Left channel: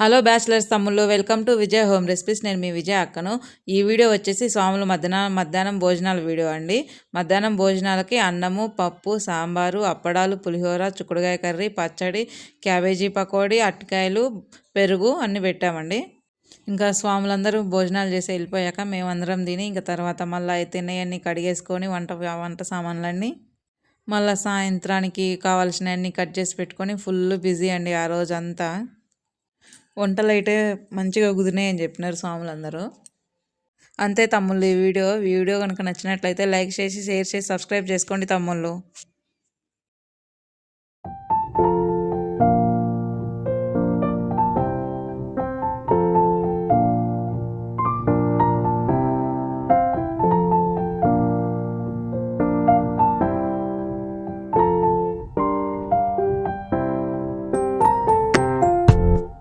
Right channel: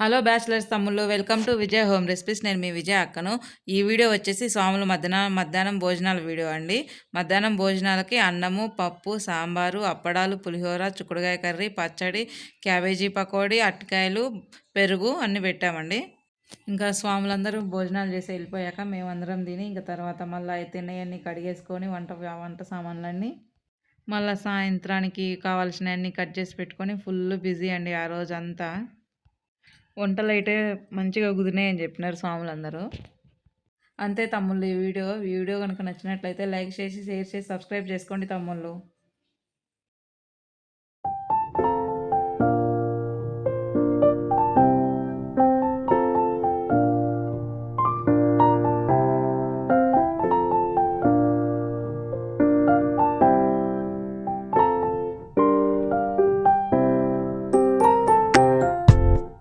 Hello bachelors తమ్ముళ్ళు, welcome to Vijay home recipes. నేను మీ విజయ్ అక్కను. ఈ వీడియో వచ్చేసి స్వాముల మధ్యాహ్నం భోజనాల వీడియో అండి. మధ్యాహ్నం భోజనాలకి అన్నము, పప్పు, సాంబారు, అప్పడాలు, పులిహోర, చుక్కుడుకాయ కర్రీ, పచ్చడి, క్యాబేజీ పకోడీ, అరటికాయలు, పెరుగు అన్నీ పెట్టామండి. ఇంకా స్వాములందరూ భోజనాలు చేసి వెళ్ళిపోయాక మేమందరం తిని ఇంకా తర్వాత మళ్ళీ తినేవన్నీ కడిగేసుకొని వంట సామాన్లన్నీ మళ్ళీ సాయంత్రానికి కావాల్సినవన్నీ కట్ చేసి పెట్టుకొని ఫుల్ బిజీ అండి ఆ రోజంతా. వంటలు అయితే మంచిగా కుదిరినాయి అని చెప్పినారు స్వాములందరూ. అంతే తమ్ముళ్ళు, ఈ వీడియో కనుక నచ్చినట్లయితే లైక్ చేసి షేర్ చేసి సబ్స్క్రైబ్ చేసుకోండి తమ్ముళ్ళు.